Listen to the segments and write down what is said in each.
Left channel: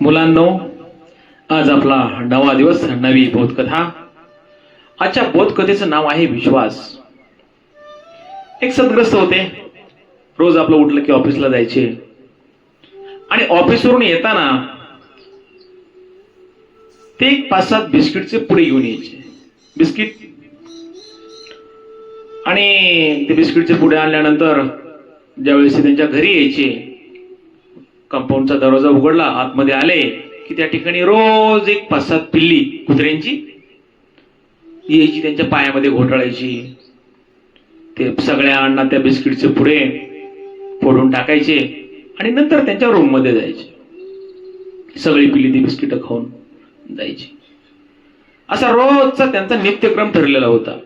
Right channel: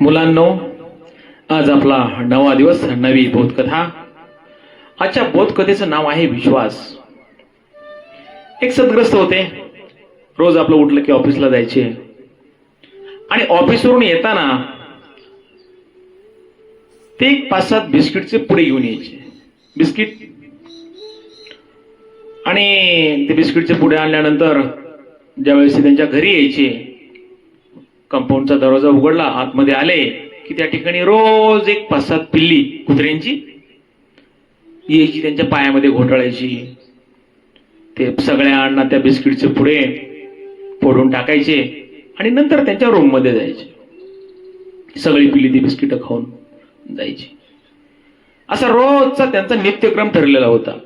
मुलांनो आज आपला नवा दिवस नवी बोधकथा. आजच्या बोधकथेचं नाव आहे विश्वास. एक सदग्रस्त होते. रोज आपलं उठलं की ऑफिसला जायचे. आणि ऑफिसवरून येताना ते एक पाच सात बिस्किटचे पुढे घेऊन यायचे. बिस्किट. आणि ते बिस्किटचे पुढे आणल्यानंतर ज्यावेळेस त्यांच्या घरी यायचे कंपाऊंडचा दरवाजा उघडला आतमध्ये आले की त्या ठिकाणी रोज एक पाच सात पिल्ली कुत्र्यांची यायची त्यांच्या पायामध्ये घोटाळायची. ते सगळ्या अण्णा त्या बिस्किटचे पुढे फोडून टाकायचे आणि नंतर त्यांच्या रूममध्ये जायचे. सगळी पिल्ली ती बिस्किट खाऊन जायची. असा रोजचा त्यांचा नित्यक्रम ठरलेला होता.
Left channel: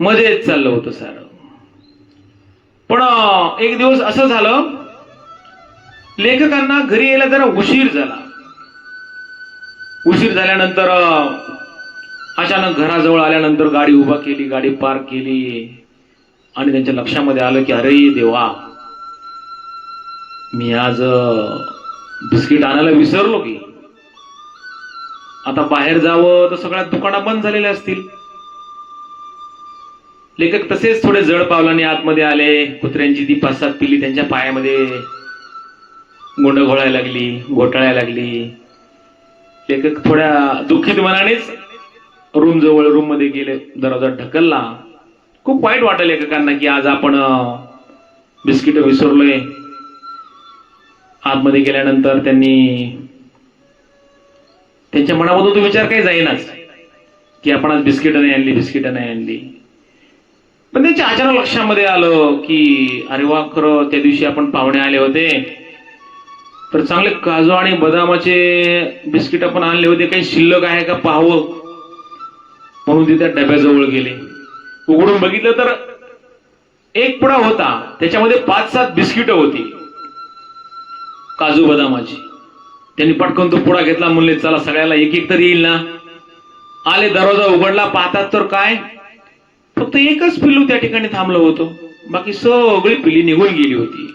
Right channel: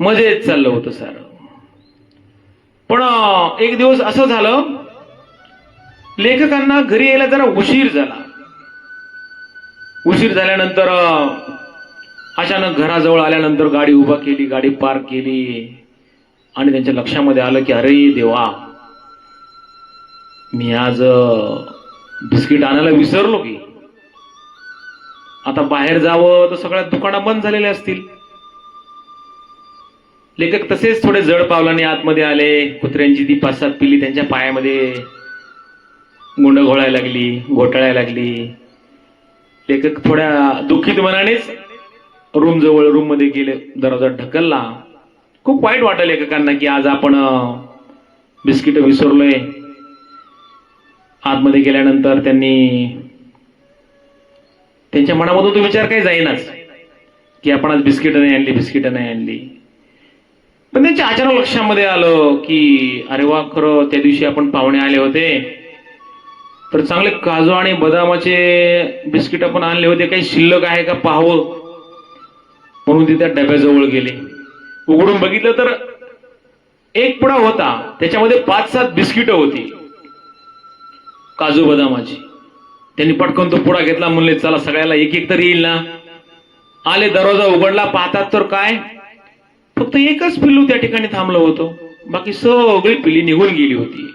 मजेत चाललं होतं सारं. पण एक दिवस असं झालं लेखकांना घरी यायला जरा उशीर झाला. उशीर झाल्यानंतर अचानक घराजवळ आल्यानंतर गाडी उभा केली गाडी पार्क केली. आणि त्यांच्या लक्षामध्ये आलं की अरे देवा मी आज बिस्किट आणायला विसरलो की. आता बाहेर जावं तर सगळ्या दुकानं बंद झालेले असतील. लेखक तसेच थोडे जड पावलाने आतमध्ये आले. कुत्र्यांची ती पाच सात पिल्ली त्यांच्या पायामध्ये गुंड घोळायला लागली घोटाळायला लागली. लेखक थोड्या दुःखित मनानेच रूम जवळ रूममध्ये गेले. दरवाजा ढकलला. खूप वाईट वाटलं लेखकांना की आज आपण बिस्किट विसरलोय. आतमध्ये गेल्यानंतर त्यांनी त्यांच्या मनामधून तो विचार काही जाईनाच. की आपण आज बिस्किट नाही आणली बिस्किट नाही आणली. पण त्यांच्या अचानक लक्षामध्ये आलं की अरे वा खरं त्या दिवशी आपण पाहुणे आले होते. तर चांगले काजू आणि बदामाचे बिस्किट आपण आणले होते. काही शिल्लक आहे का पाहावं? म्हणून ते त्या डब्याजवळ गेले. उघडून बघितलं तर एक पुडा होता. त्याच्यामध्ये पाच सात बिस्किट होती. काजू बदामाची. त्यांनी पटकन तो पुडा घेतला. म्हणले चला सगळ्याला एक एक तरी येईल ना. आले दरवाजा उघडला पाहतात तर काय? फक्त एकच पिल्लू त्या ठिकाणी थांबलं होतं. बाकी सगळी पिल्ली निघून गेली होती.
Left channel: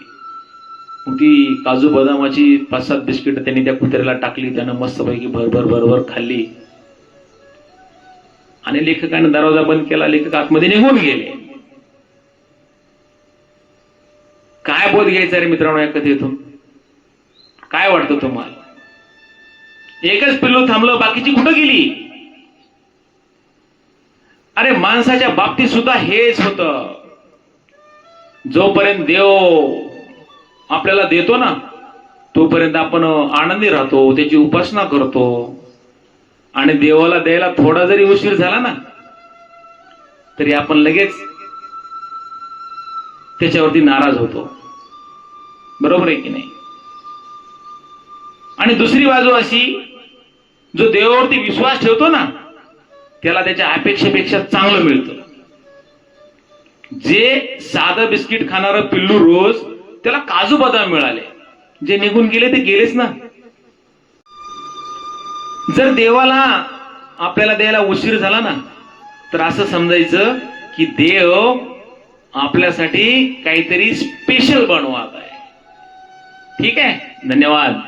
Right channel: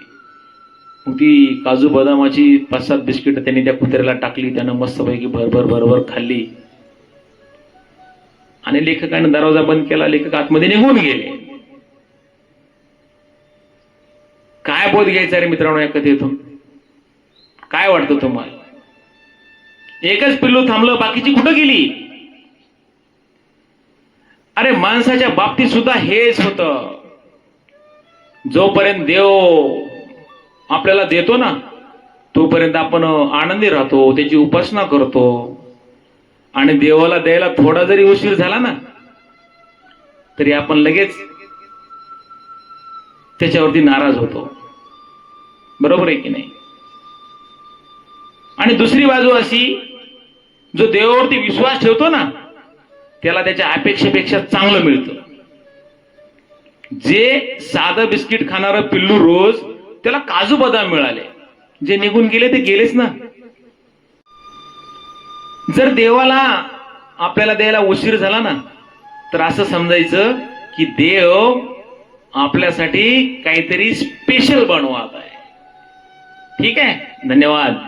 ती काजू बदामाची पाच सात बिस्किट त्यांनी त्या कुत्र्याला टाकली त्यानं मस्तपैकी भरभर भरभर खाल्ली. आणि लेखकाने दरवाजा बंद केला लेखक आतमध्ये निघून गेले. काय बोध घ्यायचा रे मित्रांनो या कथेतून? काय वाटतं तुम्हाला? एकच पिल्लू थांबलं बाकीची कुठं गेली? अरे माणसाच्या बाबतीत सुद्धा हेच होत. जोपर्यंत देव आपल्याला देतो ना तोपर्यंत आपण आनंदी राहतो त्याची उपासना करतो. आणि देवाला द्यायला थोडा जरी उशीर झाला ना तरी आपण लगेच त्याच्यावरती नाराज होतो. बरोबर आहे की नाही? आणि दुसरी बाजू अशी जो देवावरती विश्वास ठेवतो ना त्याला त्याच्या अपेक्षेपेक्षा चांगलं मिळतं. जे साधं बिस्किट खाणार पिल्लू रोज त्याला काजू बदाम मिळाले. जे निघून गेले ते गेलेच ना. जर देवाला आपल्याला द्यायला उशीर झाला ना तर असं समजायचं की देव आपल्यासाठी काहीतरी स्पेशल बनवत आहे. ठीक आहे? धन्यवाद.